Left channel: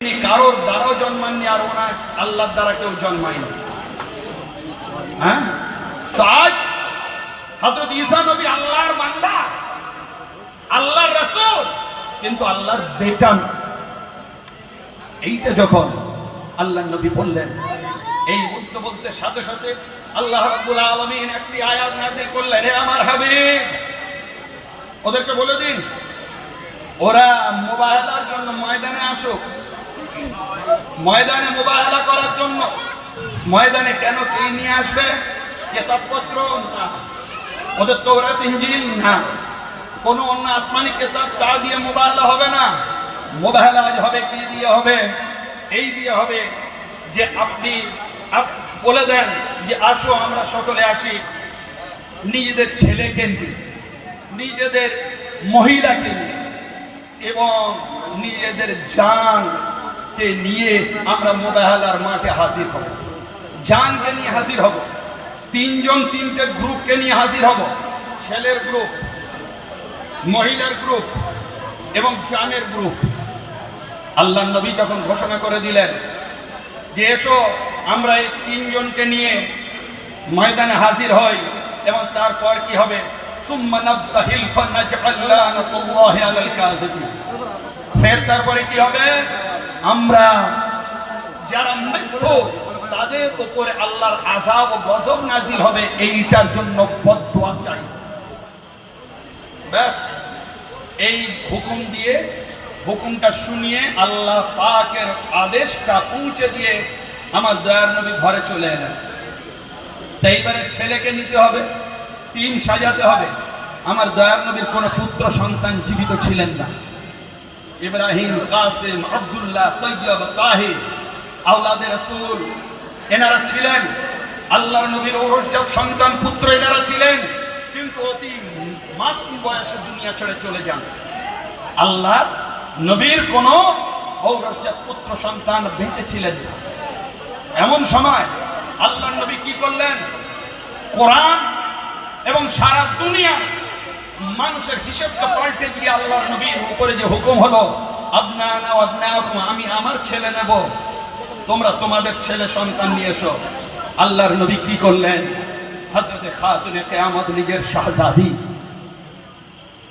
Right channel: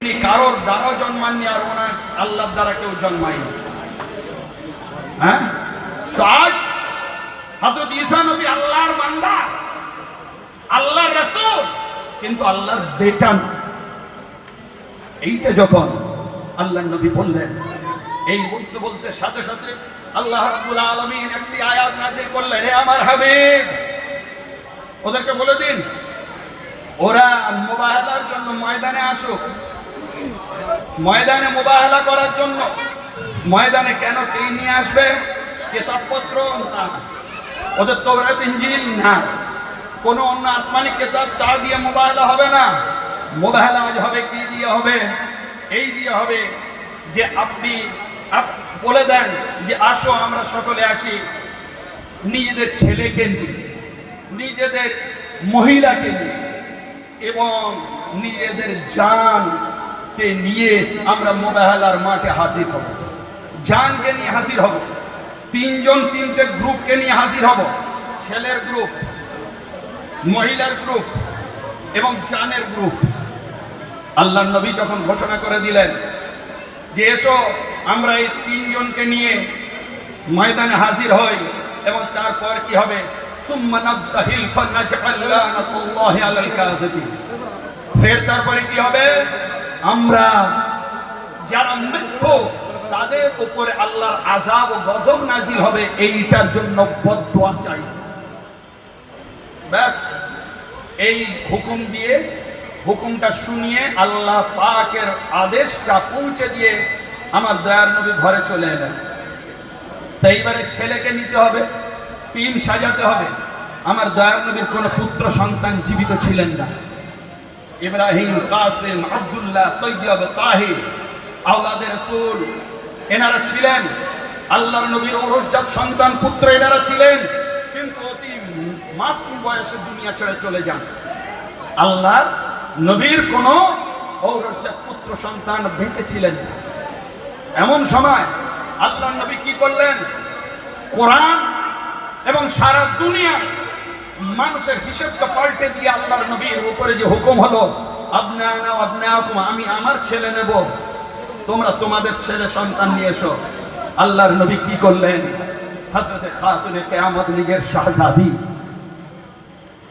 তিনি কারোর দ্বারা জন্মাননি আর ওনার আল্লাহর দ্বারা কেউ জন্মায়নি। হ্যাঁ, তো আজ হযরত ঈসা নবী আল্লাহর বান্দা, আল্লাহর রাসূল, কিন্তু আল্লাহর বেটা। এইটা যখন আল্লাহর নবী বললেন, এই বলতে বলতে সাথে সাথে আল্লাহ রাব্বুল আলামিন একটি আয়াত নাযিল করলেন, হে আমার হাবিব, ওদেরকে বলে দিন ওরা মুবাহালার জন্য ময়দানে আসুক। ময়দানে মুবাহালা করার জন্য ময়দানে কেন কে নিয়ে আসবে? কিতাবপত্র না, ওদের তাওরাত ইনজিল না, কোনো অন্য আসমানি কিতাব তা দিয়ে মুবাহালা হবে না। মুবাহালা আজ হবে কি দিয়ে হবে? এই দিয়ে হবে যে আপনি বলে দেন যে আসো আমরা সকলে আসি, নিজেদের ছেলেকে নিয়ে, নিজেদের মহিলাকে নিয়ে এবং নিজেদের জানকে নিয়ে আমরা মুবাহালার মাঠে হাজির হব। জানকে নিয়ে হাজির হব, তিনজন তিনটে গ্রুপকে নিয়ে হাজির হব, ছেলের গ্রুপ, মহিলার গ্রুপ এবং জানের গ্রুপ। আল্লাহর নবী যখন ঘোষণা করে দিলেন যে এসো আমরা এই তিনজনকে নিয়ে ময়দানে হাজির হই, এবং তারপর কি হবে? সুম্মা নাবতাহিল ফানাজআল লানাতুল্লাহি আলাল কাযিবিন। ফের তারপরে কি হবে? আমরা যারা মৃত্যু তাদের উপরে আল্লাহর আযাব ও গজব নাজিল হবে, এইটার জন্য বদদুয়া চাই। ব্যাস এই হুকুম দিয়ে, হুকুমটা শুনিয়ে আল্লাহ পাকের আদেশটা পৌঁছে দিয়ে আমার দয়ার নবী ঘরে চলে এলেন। তাই এবারে ছেলেকে নিতে হবে, টিম সাজাতে হবে। আমার দয়ার নবীর কোনো পুত্র সন্তান জীবিত ছিলেন না। ইব্রাহিম, কাসিম, আব্দুল্লাহ, তৈয়ব, তাহির, আওলাদে রাসূল এনারা ছিলেন। আল্লাহর নবীর ঔরসজাত সন্তান পুত্র এনারা ছিলেন, কিন্তু অতি মাসুম বয়সে দুনিয়া ছেড়ে চলে যান। আল্লাহ নবীর কোনো ঔরসজাত পুত্র সন্তান বেঁচে ছিলেন না। এমন সময় আল্লাহর নবী কি করলেন? কোরআন এবং সারা দুনিয়া মানুষের হিসেবকে পাল্টে দিয়ে আল্লাহর নবীর উপরে যে হুকুম হলো, আবনানা ওয়া আবনাকুম, আমি আমার ছেলে নেব, তোমরা তোমাদের ছেলে সন্তান নিয়ে এসো। আল্লাহর নবী কি করলেন? হযরতে খাতুনে কিয়ামত নিজের শাহজাদি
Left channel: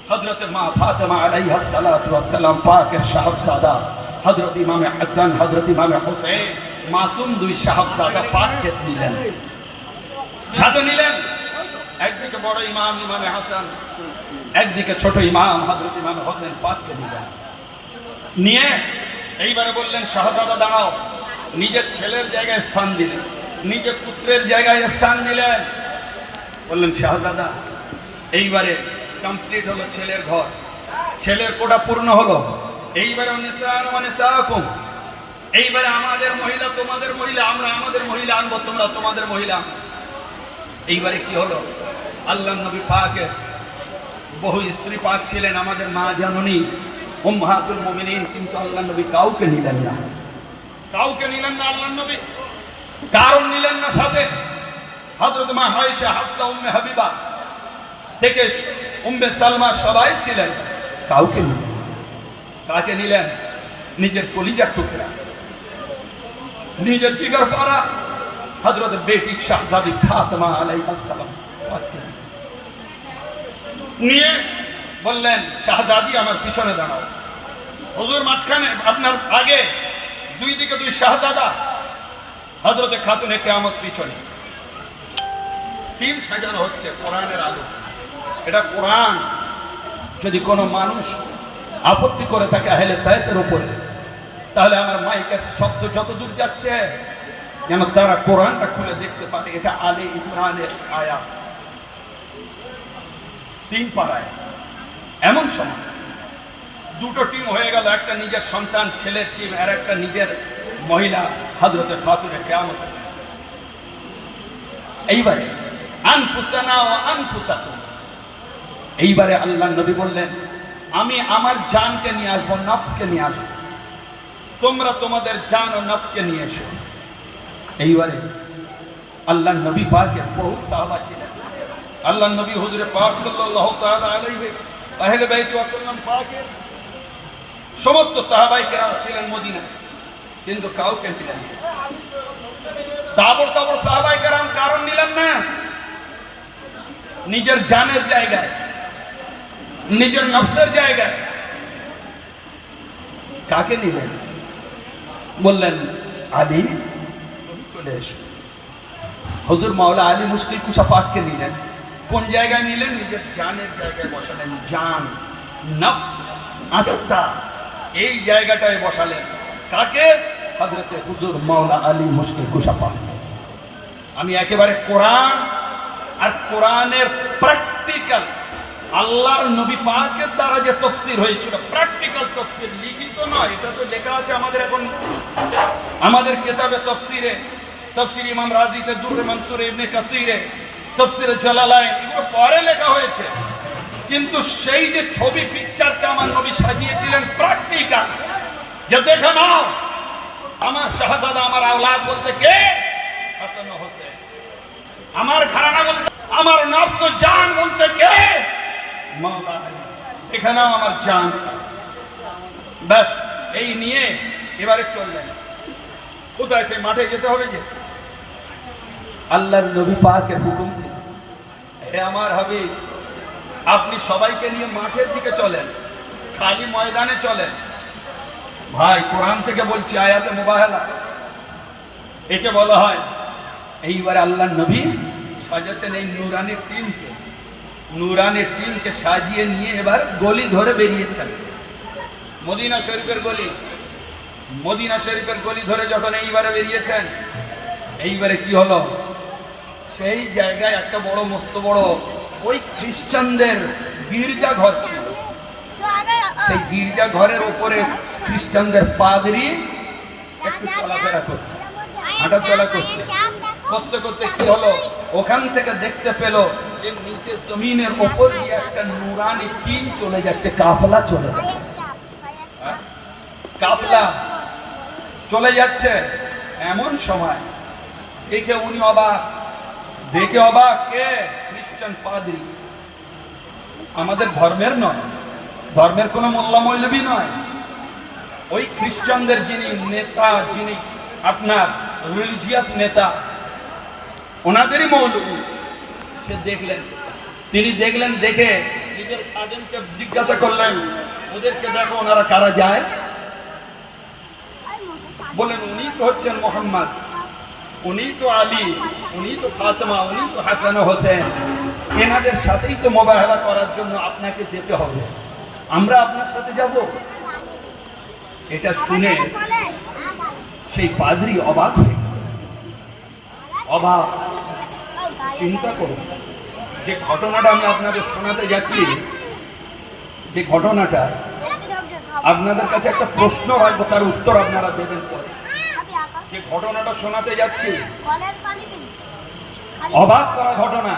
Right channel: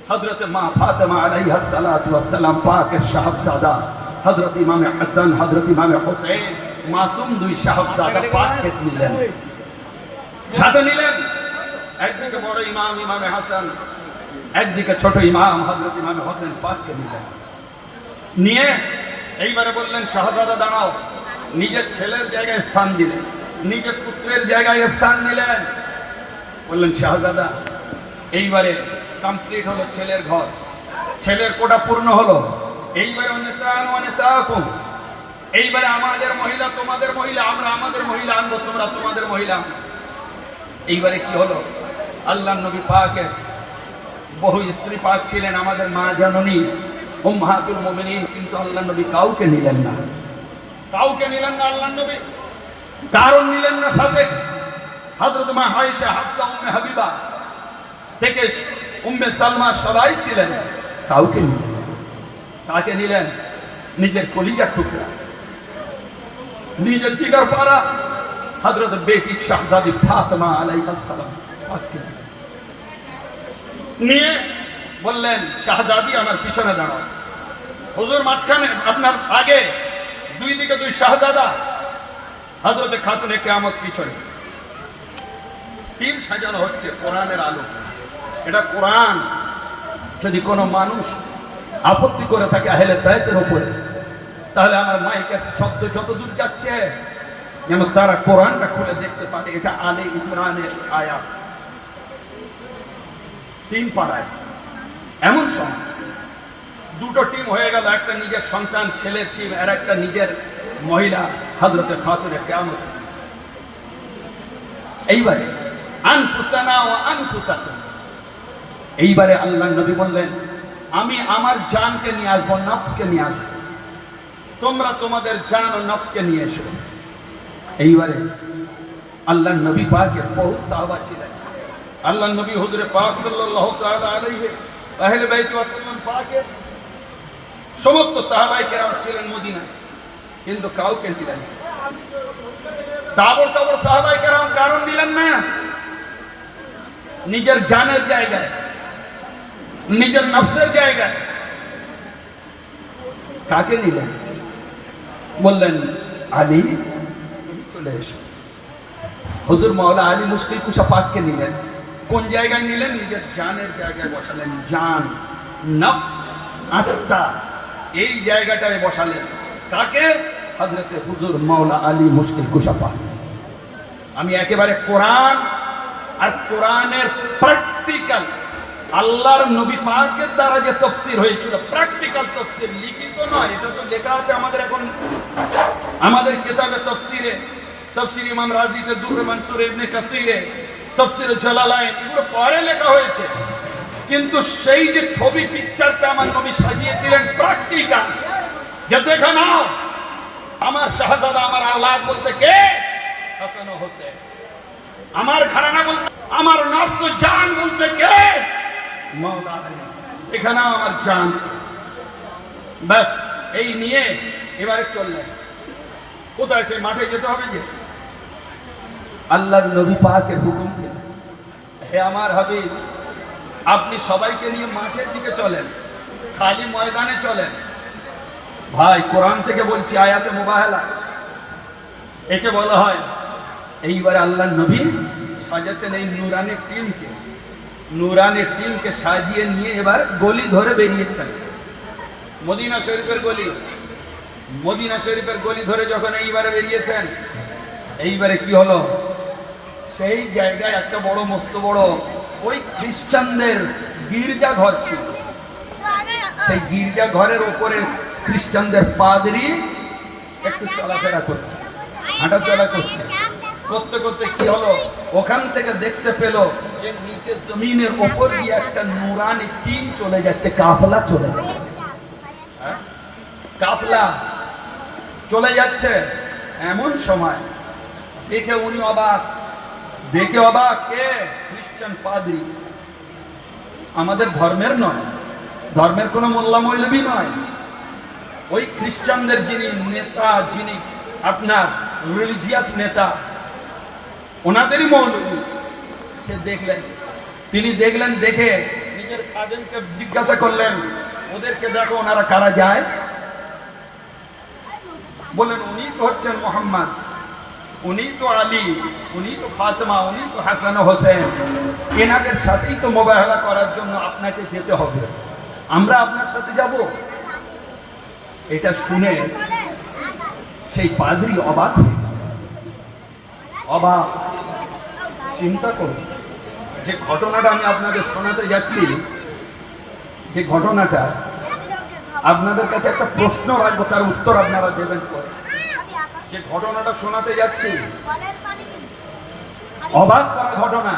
হযরতে মা ফাতেমা আলাইহা সালাতু ওয়াস সালাম পাকের শাহজাদা হযরত ইমামে হাসান, হযরত ইমামে হোসেন, মাসুম দুই শাহজাদা পাককে নিলেন, সাথে নিলেন। একদিকে বড় ইমাম ইমামে হাসান, একদিকে ছোট ইমাম হযরত ইমামে হোসেন পাককে নিলেন। নিয়ে এইবারে বললেন, শাহজাদা দাঁড়াও। নিজের ছেলের জায়গায় স্থান দিলেন, নিজের পুত্রের জায়গায় স্থান দিলেন। বললেন, শাহজাদা এইবারে কমপ্লিট হলো ছেলের ঘর, ছেলের কোটা পূর্ণ হলো। এইবারে এইবারে আমাদের মহিলা তোমাদের মহিলা, আমরা আমাদের মহিলা আনবো, তোমরা তোমাদের মহিলা আনবো। এইবারে কি হলো? আল্লাহ নবী পাকের বহু স্ত্রী পাক ছিলেন, আমাদের মা জননী উম্মাহাতুল মুমিনিন, কিন্তু আল্লাহ নবী কাউকে নিলেন না, কাউকে নিলেন না আল্লাহ নবী। কারণ নিলেন না সাথে হযরত মা আয়েশা, হাফসা, উম্মে হাবিবা থেকে উম্মে সালমা সবাই ছিলেন, কাউকে নিলেন। কাকে নিলেন? নিজের কলিজার টুকরা, নিজের জিগার পারা হযরত বেটি শাহজাদি ফাতেমা আলাইহিস সালাম নিয়ে বললেন, শাহজাদি আমার পিছনে দাঁড়াও। হুজুর মাঝখানে, আপনার আগে, দুই দিকে দুই শাহজাদা, হযরতে খাতুনে কিয়ামত পিছনে। টিম সাজানো হচ্ছে কোরআনের আলো। এটা কোরআন। যদি কোনো মানুষ আপত্তি করে থাকে আহলে বাইতের উপরে, তাহলে আমার মাইকের শব্দ যত দূর যাচ্ছে যেন তারা কোরআনটা খুলে দেখতে পারে। এটা আলে ইমরানের আয়াত। টিম পাড়ায় এমন সময় দুটো টিম হয়ে গেল, একটা নিজের সন্তান ছেলের টিম আর একটা নিজের মহিলা হযরতে খাতুনে কিয়ামত। এইবারে আনফুসানা ওয়া আনফুসাকুম, এইবারে আল্লাহ নবী বললেন, আমি আমার জানকে নিয়ে আসবো, নফসকে নিয়ে আসবো, তোমরা তোমাদের জান ও নফসকে নিয়ে এসো। এইবারে আল্লাহ নবী পাকের বহু সাহাবা ছিলেন। আল্লাহ নবী হুজুরে পাক সাল্লাল্লাহু তাআলা আলাইহি আহলে বাইত ওয়াসাল্লাম পাকের সমস্ত সাহাবায়ে কেরাম ছিলেন মদিনায়। কিন্তু কাউকে নিলেন না। তাবর তাবর সাহাবায়ে কেরাম কারণ নিলেন না, নিজের জানের জায়গায়, নিজের নফসের জায়গায়। কাকে নিলেন? বললেন আলী চলে এসো। হুজুর মাওলা আলী মুশকিল কুশা পাককে নিলেন। কোন জায়গায় নিলেন? নিজের জানের জায়গায় বসালেন। জান, নফস, আত্মা, এই জায়গাটায় বসালেন। কাকে? হযরতে হুজুর মাওলা আলী মুশকিল কুশা পাক। আমি একেবারে কোরআন আর কোরআনের প্র্যাকটিক্যাল, আল্লাহর নবী পাকের দ্বারা যে তাফসীর হয়েছিল, প্র্যাকটিক্যাল তাফসীর, লিখিত নয়। এটা তো লেখা আছে আমাদের এখন আমাদের কিতাবে তাফসীরে, তাফসীর ইমাম রাজিতে, দুররে মানসুরে, ইবনে কাসিরে, তাফসীর জালালাইন, এগুলো পরে লেখা হয়েছে। কিন্তু সেই যে ছবি পিকচারটা আমার নবী সাজিয়েছিলেন প্র্যাকটিক্যাল, যে দেখে নাও আমার শাহজাদা, আমার আওলাদ বলতে কে? হাসান ও হোসেন। আমার ঘরানা বলতে, আমার নফস ও জান বলতে কে? মাওলা আলী। দেখে নাও আমার জান। ব্যাস এই নিয়ে এবারে চললেন কোথায়? সেই মাঠে যেতে হবে। যে আল্লাহর নবী পাকের হুকুম দিলেন, হে আমার হাবিব, আপনি সবাইকে নিয়ে মাঠের দিকে চলেন, খালি ময়দানে চলেন। ভাই কোরআন থেকে বলছি, আয়াতে মুবাহালা, একে বলা হয়। এইবার আল্লাহর নবী সাজাচ্ছেন এই নুরানের টিমকে, নুরানের টিমকে সাজিয়ে নিয়ে এবার গলি ধরে বেরিয়েছেন। মদিনা শরীফের গলি, মদিনা শরীফের গলি ধরে যখন এইবারে বেরিয়েছেন, এইবারে কি হলো? সেই জায়গায় একটা বড় মস্ত বড় ওই খ্রিস্টানদের গির্জা ঘর ছিল। সেই গির্জা ঘরের উপরে খ্রিস্টানদের পাদরি একটু চলাফেরা করছে, হাঁটা চলা করছে। করতে করতে কি হলো? ওখান থেকে দেখতে পেল যে নিচে জমিনের উপর দিয়ে একটা নুরানি টিম চলে যাচ্ছে, কাফলা চলে যাচ্ছে। কাফলা চলে যাচ্ছে। এমন সময় দেখে উনি অবাক, দেখে অবাক। কে? খ্রিস্টান পাদ্রী। আমাদের ধর্মের নয়, ধর্মের কোনো মোল্লা মৌলবী নয়, ওই খ্রিস্টানদের যিনি নেতা, যিনি আপনার রিলিজিয়াস নেতা, ওনাদেরই মৌলবী। সে দেখলেন, তিনি দেখলেন, দেখে নিজের খাদেমকে জিজ্ঞাসা করলেন, ওদেরকে দেখো ওনারা কারা যায়? বললেন উনি তো হচ্ছেন মোহাম্মদ, উনি তো আলী, উনি তো ফাতেমা, উনি তো হাসান ও হোসেন। এনাদের সাথেই তো মোবাহেলা করার জন্য আপনাকে যেতে হবে, আমরা আপনার সাথে যাব। এটা শুনে সেই পাদ্রী অবাক হয়ে গেল। অবাক। চিন্তা করুন, যে ঘটনাটা আমি আপনাদের শোনাতে যাচ্ছি, যে ঘটনাটা আপনাদের কাছে একটা প্রশ্ন রাখবো, তার উত্তর আপনারা দেবেন পরে। যে ঘটনাটা শোনাতে যাচ্ছি, অবাক করা ঘটনা।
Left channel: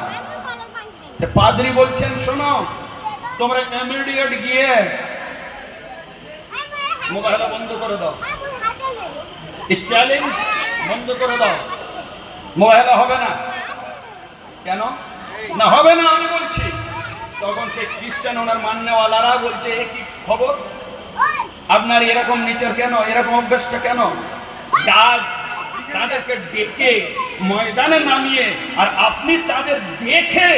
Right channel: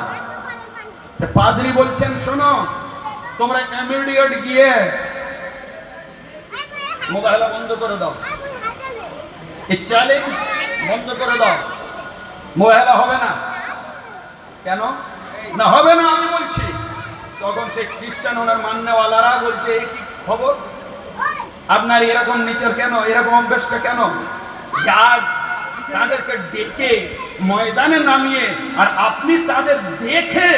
পাদ্রী বলছেন, শোনো, তোমরা ইমিডিয়েট গিয়ে মোবাহেলা বন্ধ করে দাও, এই চ্যালেঞ্জ বন্ধ করে দাও, মোবাহেলা হবে না। কেন না হবে না? আমি বলছি। তখন সে খ্রিস্টান, ওনার মান্যওয়ালারা বলছে, এ কি খবর আপনার? এরকম নিচের কেন, এরকম অভ্যাসটা কেন? আজ তাদেরকে ডেকে ময়দানে নামিয়ে আর আপনি তাদের দেখে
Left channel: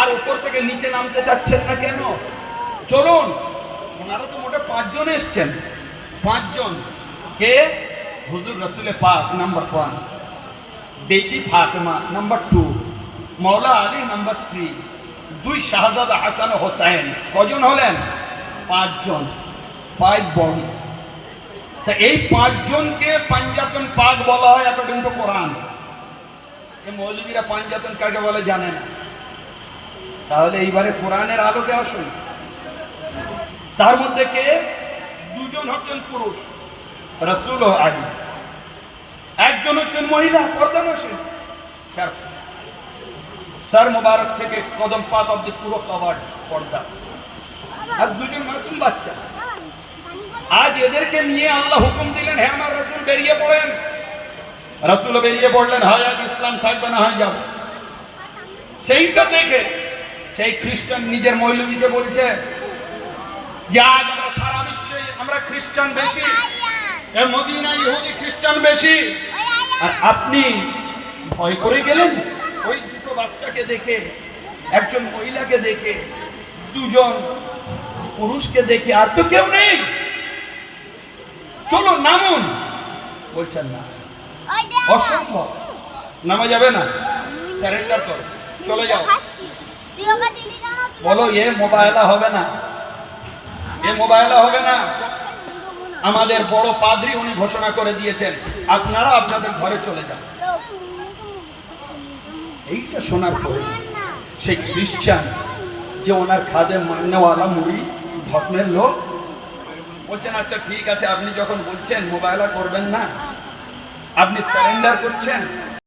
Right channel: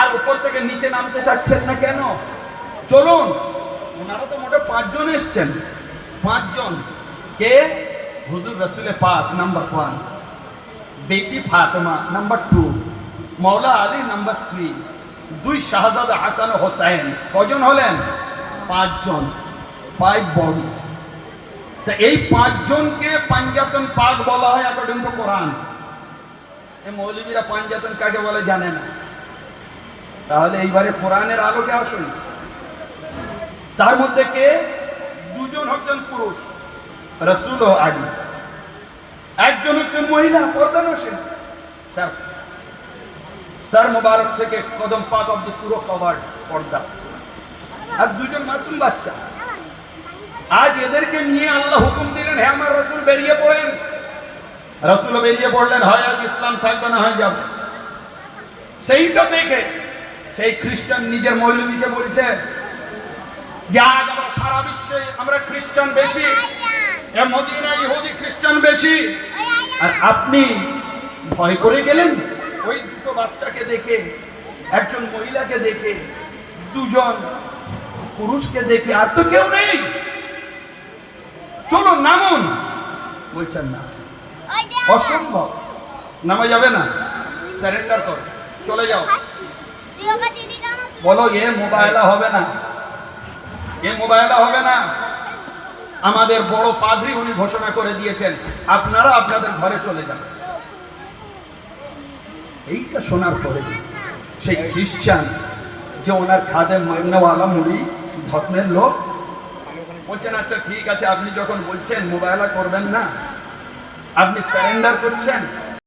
আর উপর থেকে নিচে নামতে চাচ্ছেন না কেন? চলুন। ওনারা তো মোটে 5 জন এসছেন। 5 জন। কে? হুজুর রসুল পাক নাম্বার 1, বেটি ফাতেমা নাম্বার 2, মৌলা আলী নাম্বার 3, 2 শাহজাদা হাসান ও হোসেন। কজন হলেন? 5 জন। 5 বডিজ। তা এই 5 জনকে পাঞ্জাতন পাক বলা হয় অ্যাকর্ডিং টু কোরআন। এই মৌলবীরা পাঞ্জাতন কাকে বলে জানে না। তাহলে এইবারে কোরআনের আলোকে আসুন। তার মধ্যে কে? 2 জন হচ্ছেন পুরুষ, রাসূল ও আলী। 1 জন হচ্ছেন মহিলা, পর্দানশীল, সর মুবারক থেকে কদম পাক অবধি পুরো কভার্ড, পর্দা। আর 2 জন মাসুম বাচ্চা। আজ এদেরকে নিয়ে আল্লাহ হুকুম দিলেন, হে আমার রাসূল বেরিয়ে পড়েন। রাসূল বেরিয়ে পড়লেন, হয় আজ ইসলাম থাকবে না হয় যাবে। সেইটা দেখে সেই খ্রিস্টান নিজের মৌলবীকে বলছে যে আজ আমরা সারা বিশ্বে আমরা খ্রিস্টান বেশি, এ মদিনা ইহুদি খ্রিস্টান বেশি, আর আপনি ভয় করে গেলেন ওই দুটো বাচ্চাকে দেখে, একজন মহিলাকে দেখে, দুজন পুরুষকে দেখে, আর তো কেউ নেই, চলো নামুন। বলছেন না, অসম্ভব, নামা যাবে না, সারেন্ডার করো, চলে যাও। বলো এ মোবাইলা হবে না, এ মোবাইলা হবে না। আমাদের বড় পাদ্রী উনি ঘোষণা করে দিয়েছেন আপনারা আপনাদের ঘরে চলে যান। এইটা শোনার পরে সেই খ্রিস্টান যে ওনার খাদেম মান্নাওয়ালা মুড়ি ধর্মের লোক বলছেন আচ্ছা ঠিক আছে, আপনি যখন বলছেন মোবাইলা করবেন না, আপনি সারেন্ডার করছেন,